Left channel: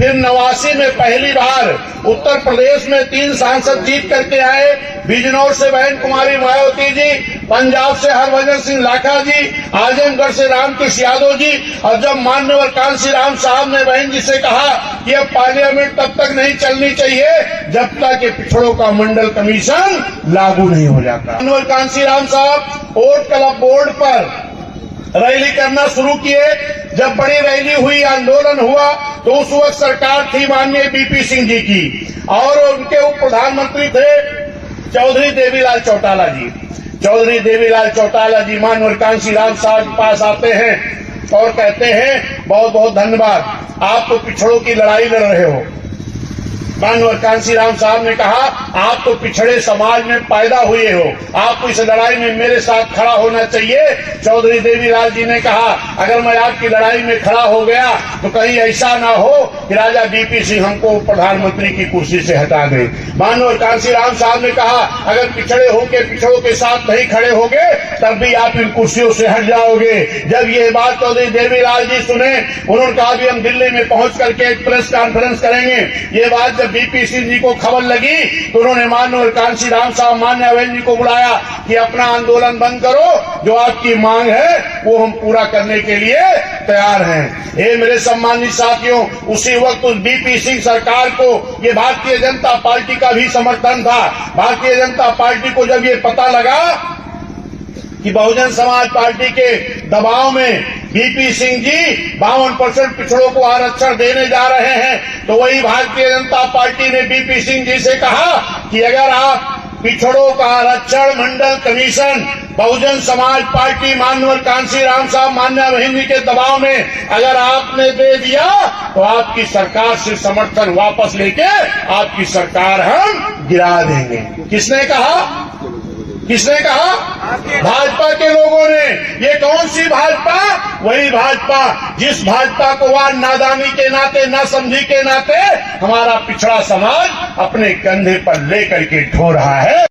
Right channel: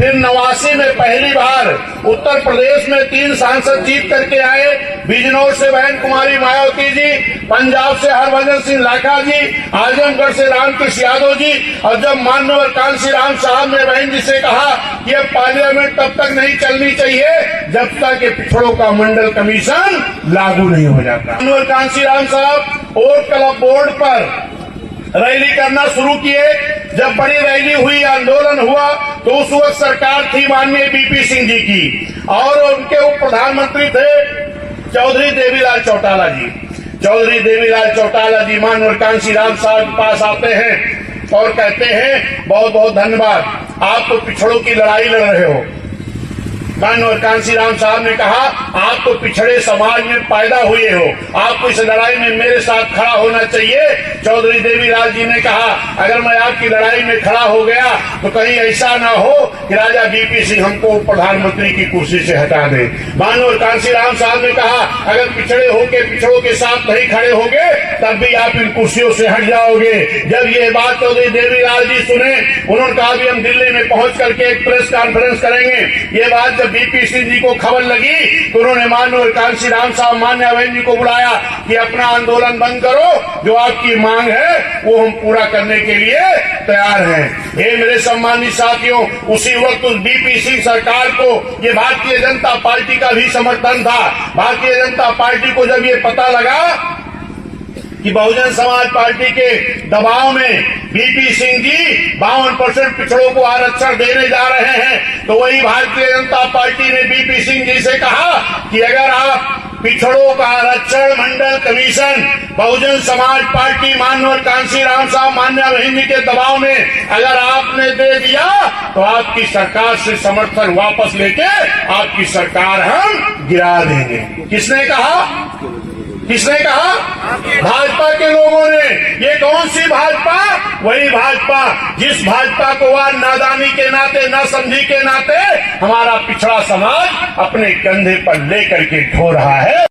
फिर 89 में पहली बार उत्तर प्रदेश में 3 सांसद जीत करके आए। बिजनौर से बहन कुमारी मायावती जी, पंजाब से हरभजन सिंह लाखा जी, आजमगढ़ से रामकृष्ण यादव जी। और जब माननीय कांसी राम साहब ने बहन जी से कहा कि अब पार्लियामेंट तब तक नहीं चलनी चाहिए जब तक ये पिछड़ों का मंडल कमीशन लागू नहीं हो जाता। माननीय कांसी राम साहब वोट क्लब बोर्ड पर रैली करना शुरू किए। जब बड़ी रैली हुई, आंदोलन हुआ, तो उस वक्त सरकार थी माननीय बीपी सिंह जी की, और उनके उप प्रधानमंत्री थे चौधरी देवीलाल चौटाला जी। चौधरी देवीलाल चौटाला जी माननीय कांसी राम साहब के पास आते हैं और कहते हैं बहुत बहुत धन्यवाद, आप तो पिछड़ों की लड़ाई लड़ रहे हो। माननीय कांसी राम साहब ने कहा आप तो पिछड़े समाज में पैदा हुए हो, आपको इस लड़ाई में मेरे साथ खड़ा होना चाहिए। चौधरी देवीलाल जी ने कहा अगर मैं आपकी लड़ाई में खड़ा हो गया तो कहीं ऐसा ना हो कि राजा बीपी सिंह हमको प्रधानमंत्री की कुर्सी से हटा दे। माननीय कांसी राम साहब ने कहा अगर पिछड़े होके पिछड़ों के साथ नहीं खड़े होंगे तब भी आप इन कुर्सियों से हट जाओगे। जब ये बात चौधरी देवीलाल जी सुने, उन्होंने कहा भी हम दिल्ली में पहुंच करके एक प्रेस कॉन्फ्रेंस करेंगे। ये बात जब बीपी सिंह जी को खबर लगी तो उन्होंने माननीय कांसी राम साहब मान्य बहन जी को बुलाया कि अपना आंदोलन बंद करो, जो आपकी मांग है वो हम पूरा करने के लिए तैयार हैं। ये मेरे सम्मानित साथियों, उसी वक्त उस बीपी सिंह सरकार को ये भारतीय जनता पार्टी का भी समर्थन था। भारतीय जनता पार्टी को जब ये पता लगा कि बहुजन समाज पार्टी के दबाव में बीपी सिंह जी 52% पिछड़ों को आरक्षण देने जा रहे हैं, तो वही भारतीय जनता पार्टी ने बीपी सिंह जी से कहा कि अगर आप पिछड़ों का आरक्षण मंडल कमीशन बहुजन समाज पार्टी माननीय कांसी राम साहब मान्या बहन जी के दबाव में अगर आपने दे दिया तो आपकी सरकार से समर्थन वापस लेके आपकी सरकार हम गिरा देंगे। किसने कहा? किसने कहा? भाजपा के लोगों ने। ये कौन सी भाजपा? वही भाजपा जिस भाजपा को आज नादानी के नाते, ना समझी के नाते हमारा पिछड़ा समाज अपने कंधे पर लेकर के ढो रहा है।